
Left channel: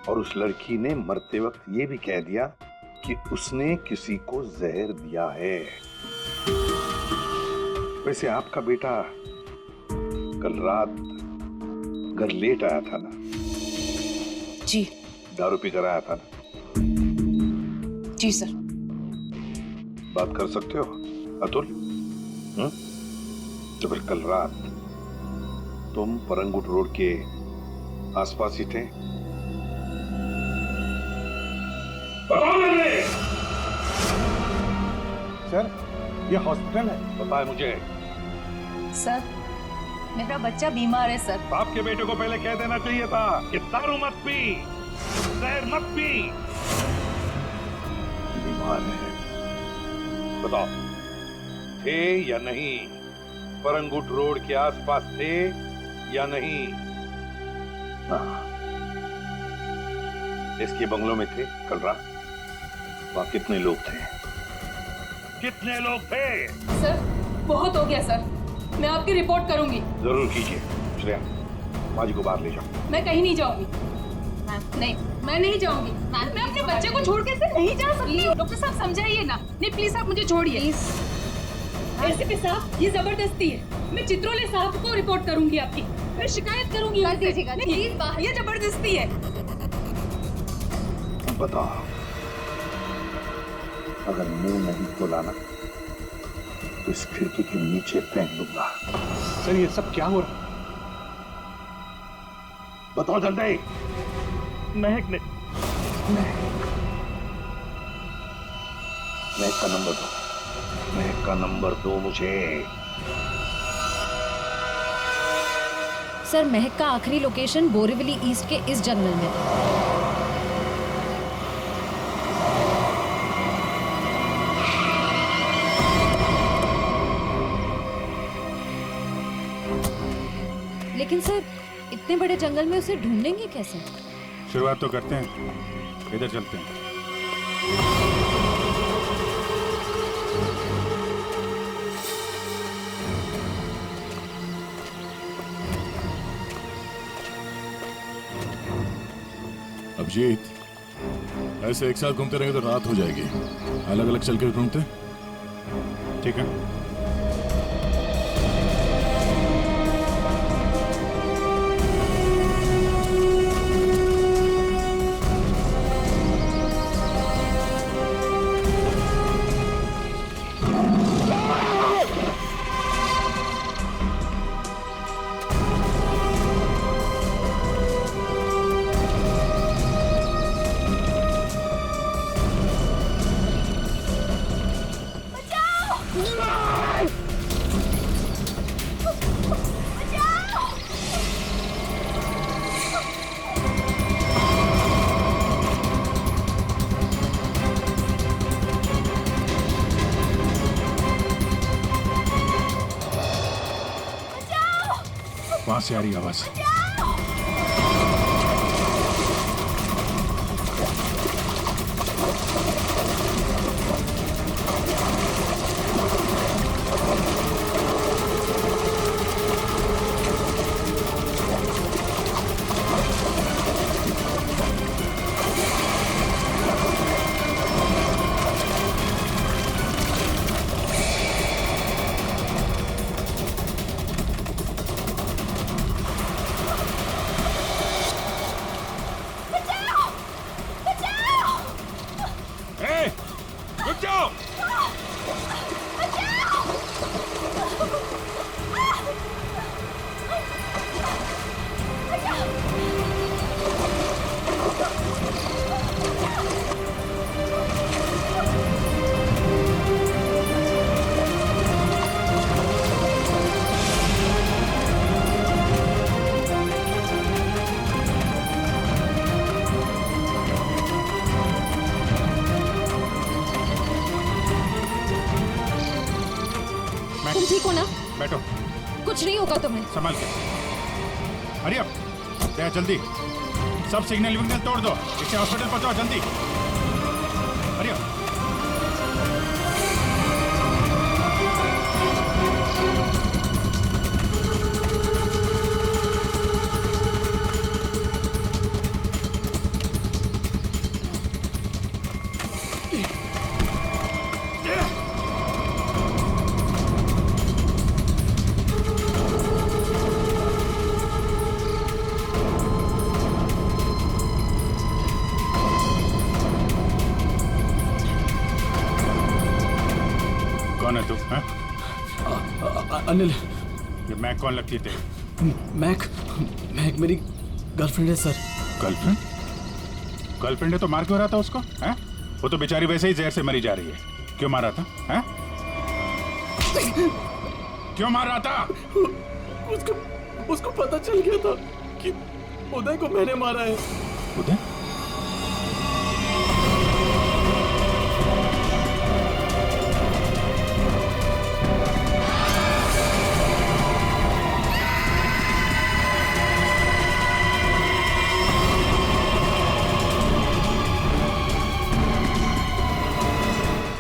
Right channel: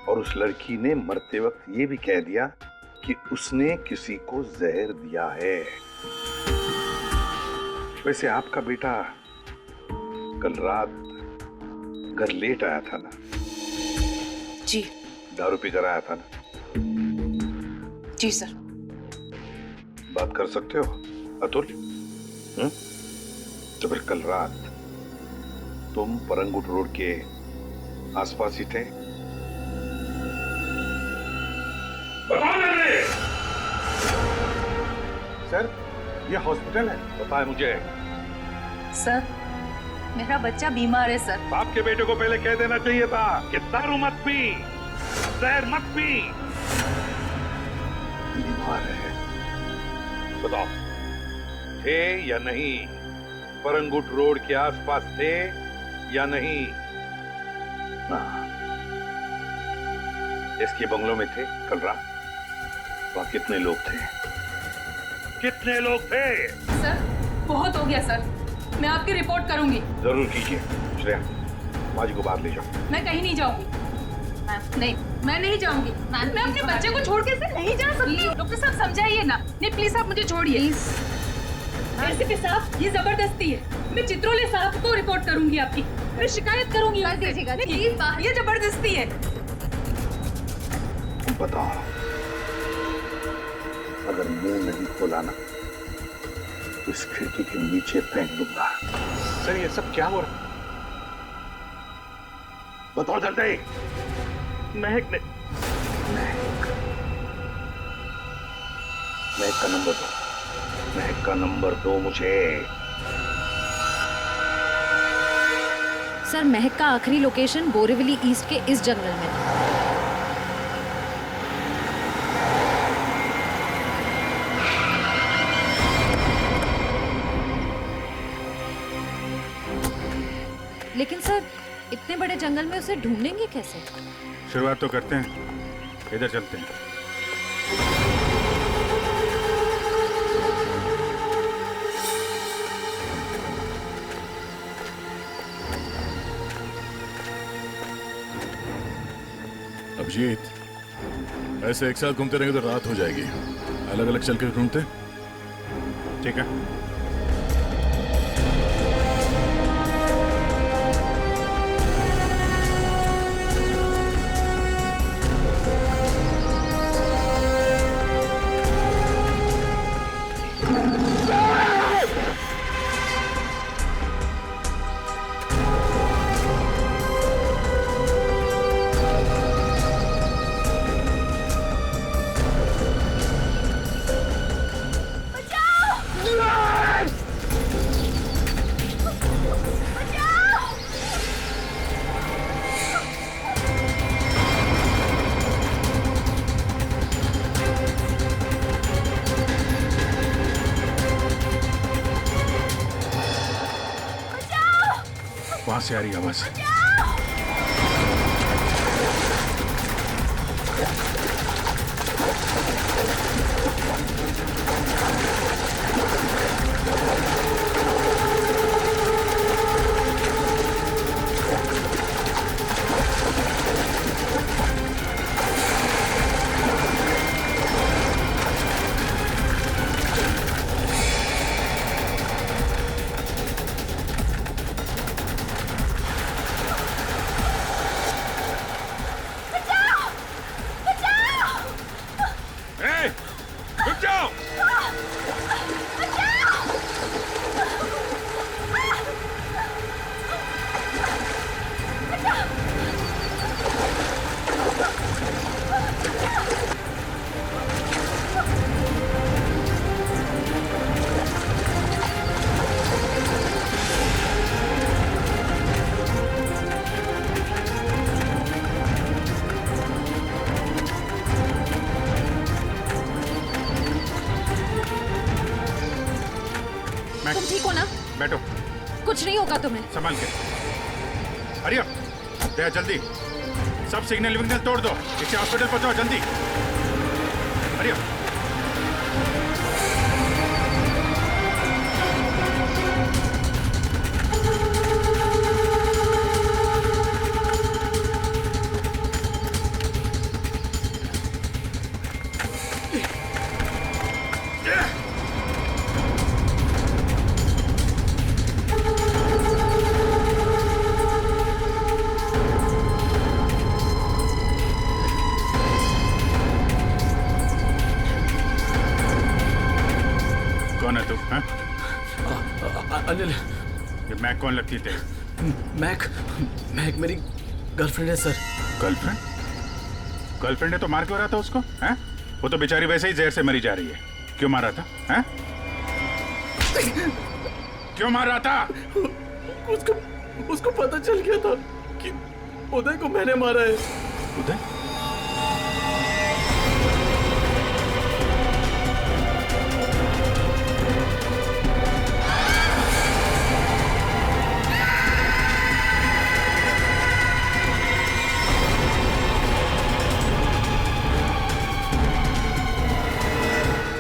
और उस लड़की ने मरते वक्त ये भी कह दिया कि उसने किसी को जहर दिया है। वैसे आपका बेटा कल रात घर लेट आया था ना? जी। दारू पी कर आया था ना? जी सर। बात कर सकते हो अतुल? तो फिर कल रात तुम परंगुट रोड के आसपास ही थे? सर ये हॉस्पिटल है। पता है मुझे। सर मेरा बच्चा बीमार है सर। बाप के बेटे को पहले कह देना चाहिए था कि दारू मत पी, जहर मत पी। बीमार है, बताओ थे या नहीं? परंगुट रोड के आसपास थे या नहीं? हाँ, इसके बंगलों में थे कल रात। वहां कितने लोग थे? कितने लोग थे? सर बहुत हो गया सर, मैं आपकी रिपोर्ट करूंगी। जरूर कीजिए। श्रेया, माजी को बाहर ले जाओ। मैं कहीं नहीं जाऊंगी। नहीं, मैं नहीं जाऊंगी। मैं अपने बच्चे को छोड़ के ऐसे नहीं जा सकती। डॉक्टर साहब समझाइए ना। नहीं प्लीज आप मुझे छोड़िए। एसीपी साहब ये जबरदस्ती है। मैं चित्रोले साहब को रिपोर्ट करूंगी आपकी। मैं शिकायत करूंगी। कर दीजिएगा प्लीज। ये जबरदस्ती है। बताओ, अगर मुंह नहीं खोला ना तो इस खिड़की के नीचे फेंक दूंगा। सर ये सब क्या हो रहा? बताओ जल्दी। महक ने। महक का नंबर दो। महक का नंबर दो मुझे। सर महक का आखिरी लोकेशन बोरीवली ईस्ट के इस जंगल में था। लेकिन सर इतने बड़े जंगल में उसे ढूंढेंगे कैसे? शुरुआत तो करते हैं, इधर चलते हैं। अभिजीत, ऐसे एक साथ घूमते रहेंगे तो रात हो जाएगी। अलग अलग चल के ढूंढते। ठीक है। वहां से आ रही आवाज। तुम ठीक हो ना? बैठो। कुछ नहीं होगा तुम्हें। संभाल के। हरी अप, दया जल्दी। सब सिग्नल विग्नल तोड़ दो, इसे हॉस्पिटल पहुंचाओ जल्दी। Hurry up. कौन है तू? हैं? अनिल। ये मैक कौन लगती है तेरी? मैक मेरी गर्लफ्रेंड है सर। गर्लफ्रेंड? गर्लफ्रेंड है तो मार क्यों रहा था उसको? हैं? वो तो बेचारी वैसे ही जहर से मरी जा रही है। क्यों मार रहा था? हैं? क्यों मार रहा था? उसको पता चल गया था कि उदय को मैंने मारा है। उदय?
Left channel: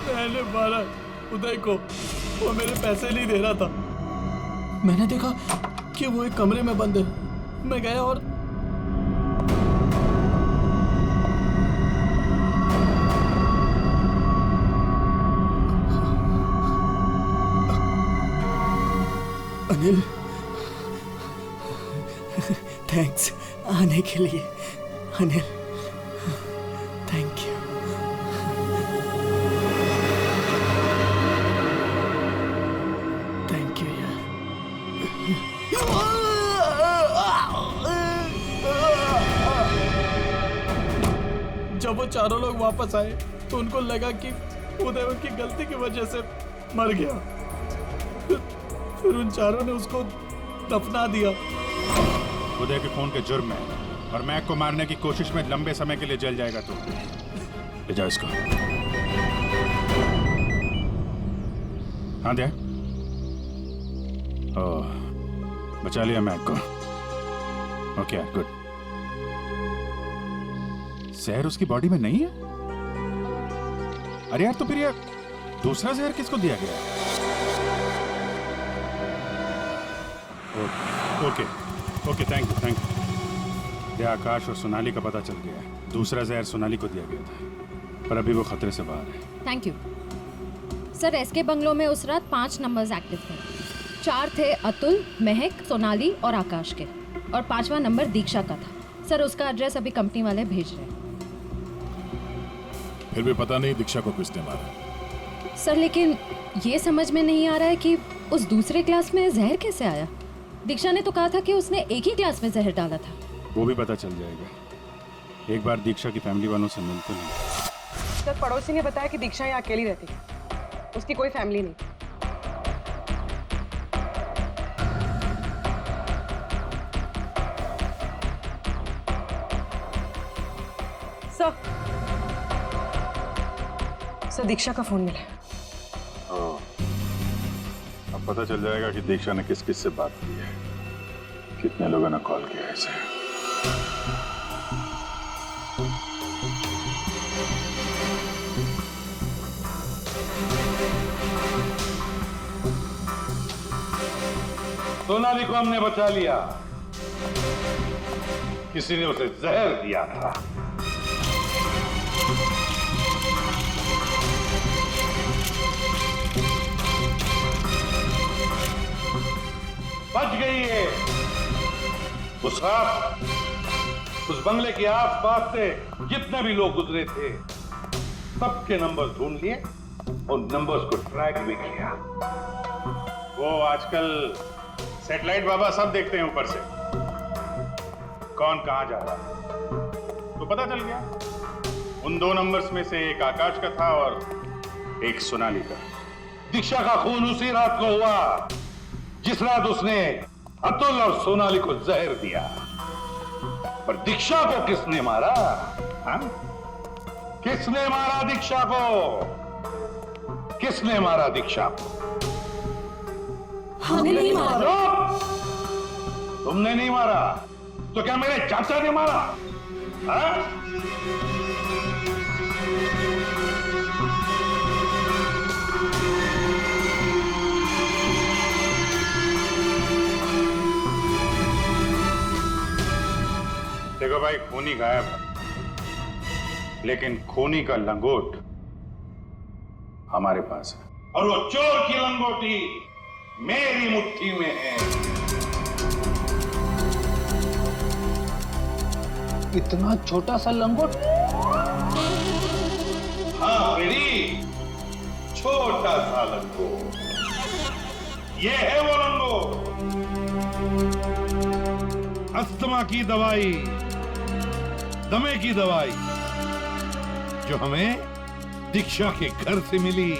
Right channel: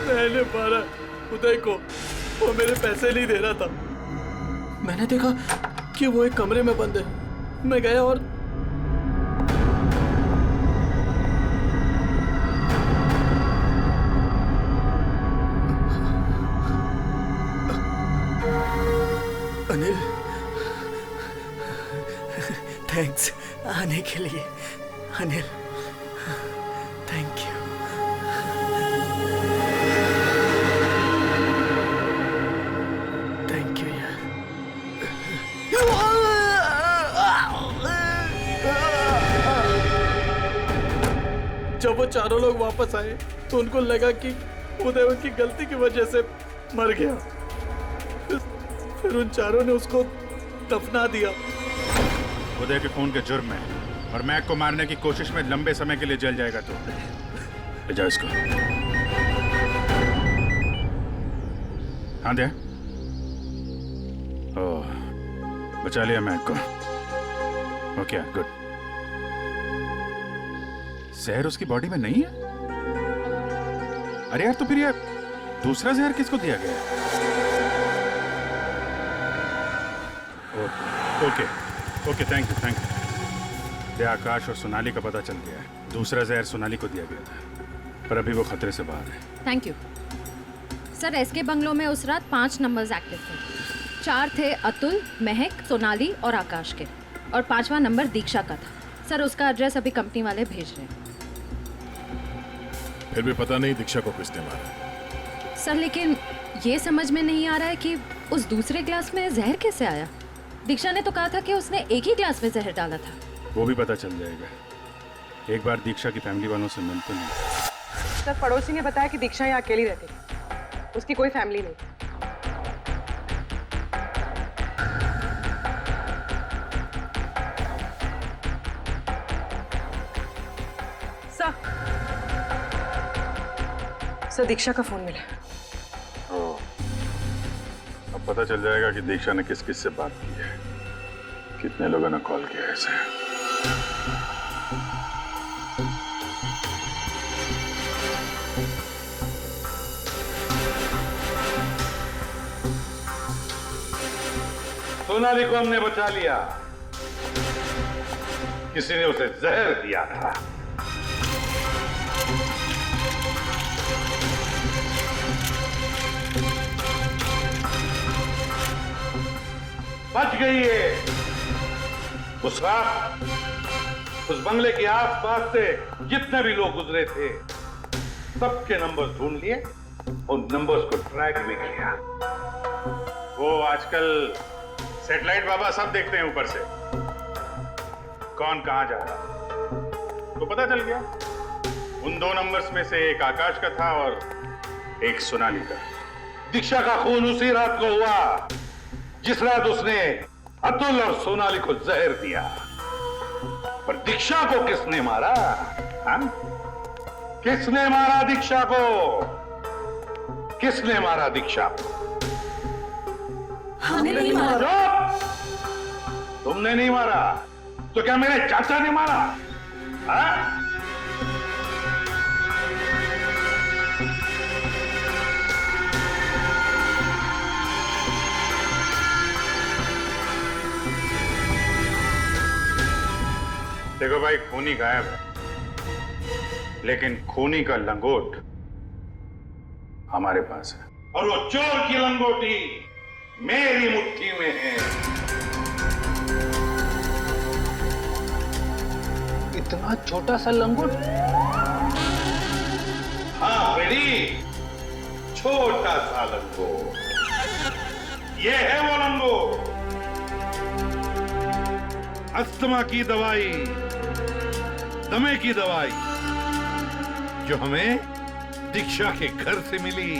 मैंने मारा उदय को। वो मेरे पैसे नहीं दे रहा था। मैंने देखा कि वो एक कमरे में बंद है। मैं गया और अनिल, थैंक्स आने के लिए। Anil, thank you. Thank you यार। जब वो चारों लोग वापस आए तो उनको लगा कि उदय उनकी गलती की वजह से मर गया। फिर उन चारों ने उसको दफना दिया। उदय के खून के जुर्म में और मैक को मारने की कोशिश में लंबे समय के लिए जल जाएगा। तो ले जाओ इसको। हाँ दे। ओह, बचा लिया मैक को। Okay good. जहर उसकी बॉडी में नहीं है? अरे यार, तो फिर यार दूसरा जहर किसको दिया गया है? Okay okay, thank you thank you. Akash और सोनाली का पता चल गया है। दूसरा जहर सोनाली को दिया गया था, पर अभी वो खतरे से बाहर है। Thank you sir. SK bungalow में उस रात 5 नंबर्स एक्टिव थे। 4 थे अतुल, महक, सोनाली और आकाश के, और 5वां नंबर दीक्षा का था। सर उसका एड्रेस अभी कंपनी वाले भेज रहे हैं। फिर भी पता नहीं दीक्षा को किसने मारा। सर लेकिन ये समझ में नहीं आ रहा है कि उस दूसरे ग्लास में जहर कैसे आया। दीक्षा ने तो कहा था कि उसने एक ही ग्लास में जहर डाला था। वो भी पता चल जाएगा। एक बार दीक्षा की फैमिली वालों से मिल तो नहीं। सर पड़ोसी ने बताया कि दीक्षा यहाँ अकेली रहती है, उसकी कोई फैमिली नहीं। सर दीक्षा का फोन मिला। अब पता चल जाएगा कि दीक्षा ने किस किस से बात की है, कितने लोगों ने कॉल किया है इसे। सोनाली को हमने बचा लिया। किसी ने उसे जहर दिया था। बच गई है। उस रात उस बंगले के आसपास से जितने भी लोग गुजरे थे, सबके नंबर्स ढूंढ लिए और नंबर्स को ट्रैक भी किया। वो आजकल सैटेलाइट बाबा सब देखते हैं ऊपर से, कौन कहां जा रहा। तो पता चल गया उन 2 नंबर्स में से एक आकाश का था और एक सोनाली का। दीक्षा का खून उसी रात को हुआ जिस रात उसने अतुल और सोनाली को जहर दिया। पर दीक्षा को किसने मारा? हाँ? किसने मारा दीक्षा को? किसने मारा दीक्षा को? हमने नहीं मारा। तुमने नहीं मारा तो क्या मेरे चाचा ने मारा? हाँ? देखो भाई, खूनी गायब है, लेकिन खूनी का लंगोट हमारे पास है। और वो चोर की लंगोटी मेरी मुट्ठी में है। इतना छोटा सा लंगोट? हाँ बेटी, छोटा सा लंगोट। ये है वो लंगोट। अस्थमा की दवाई, दमे की दवाई जो हमें दीक्षा के घर से मिली।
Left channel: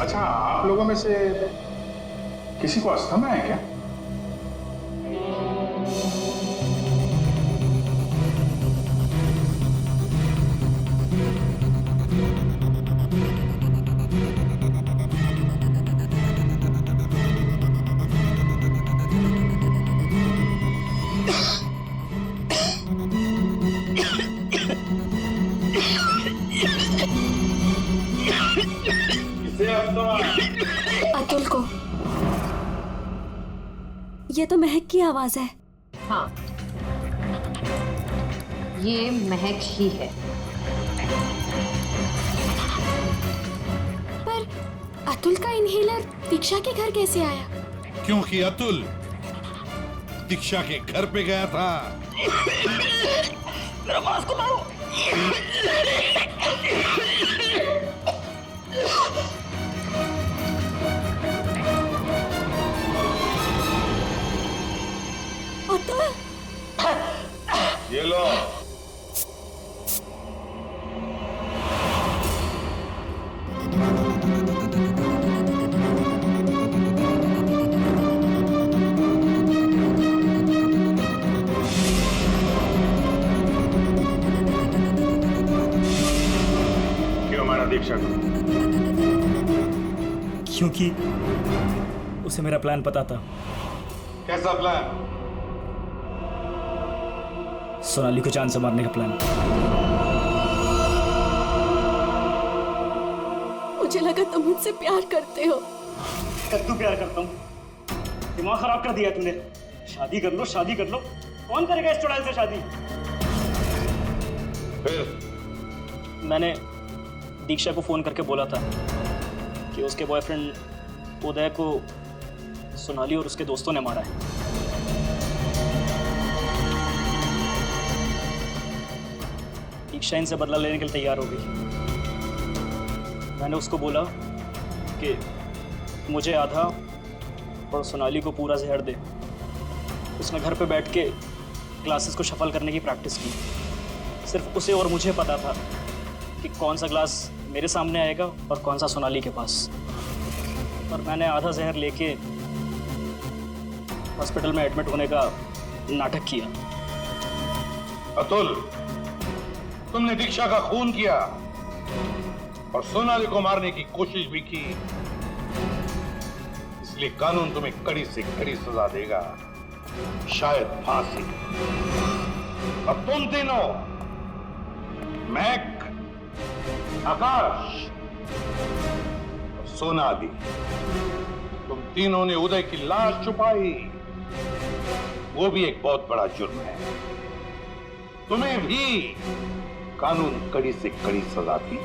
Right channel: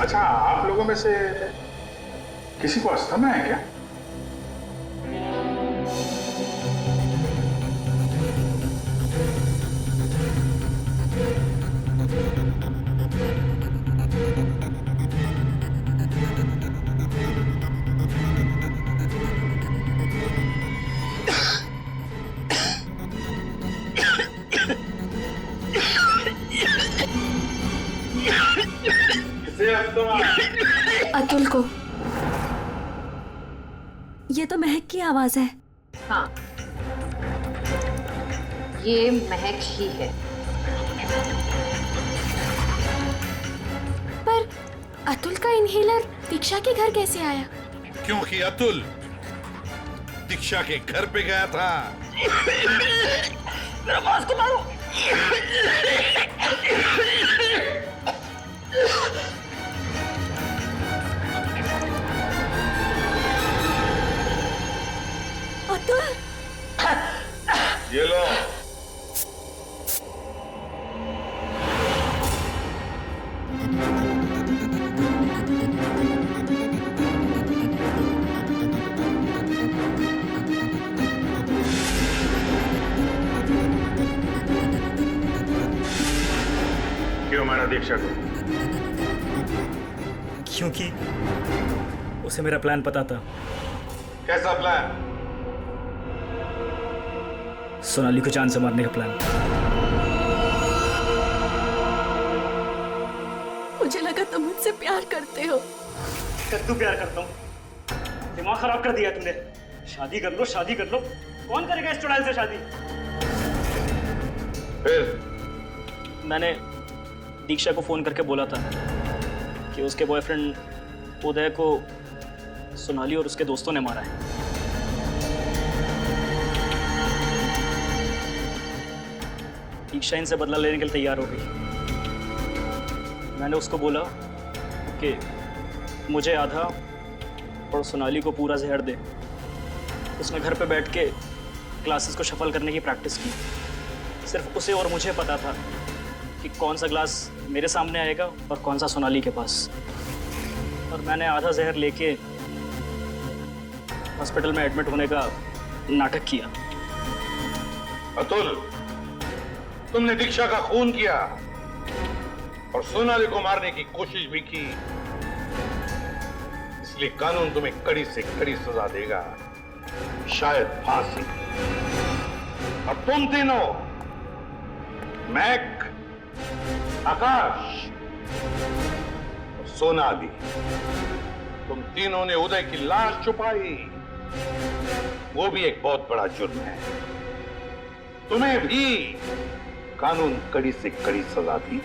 अच्छा, आप लोगों में से किसी को अस्थमा है क्या? अतुल को। ये तो महक की आवाज है। हाँ, ये महक ही है। पर अतुल का इनहेलर दीक्षा के घर कैसे आया? क्योंकि अतुल दीक्षा के घर पे गया था। मेरा मास्क उतारो। ये लो, मारा दीक्षा को? क्योंकि उसे मेरा प्लान पता था। कैसा प्लान? सोनाली को जान से मारने का प्लान। मुझे लगा तुम मुझसे प्यार करते हो। कद्दू प्यार करता हूँ? दिमाग खराब कर दिया तुमने। शादी कर लो, शादी कर लो। कौन करेगा इस चुड़ैल से शादी? फिर मैंने दीक्षा को फोन करके बोला था कि उसके बॉयफ्रेंड उदय को सोनाली और उसके दोस्तों ने मारा है। दीक्षा इनसे बदला लेने के लिए तैयार हो गई। मैंने उसको बोला कि मुझे आधा और सोनाली को पूरा जहर दे। उसने घर पे बैठ के क्लासेस को शफल करने की प्रैक्टिस की। सिर्फ उसे और मुझे पता था कि कौन सा ग्लास मेरे सामने आएगा और कौन सा सोनाली के पास। और मैंने आधा जहर लेके हॉस्पिटल में एडमिट होने का नाटक किया। अतुल, तुमने दीक्षा का खून किया और सोनाली को मारने की कोशिश भी की, इसलिए कानून तुम्हें कड़ी से कड़ी सजा देगा, शायद फांसी। और तुम तीनों, मैक, आकाश और सोनाली, तुम तीनों ने उदय की लाश छुपाई। वो भी एक बहुत बड़ा जुर्म है। तुम्हें भी कानून कड़ी से कड़ी सजा दी।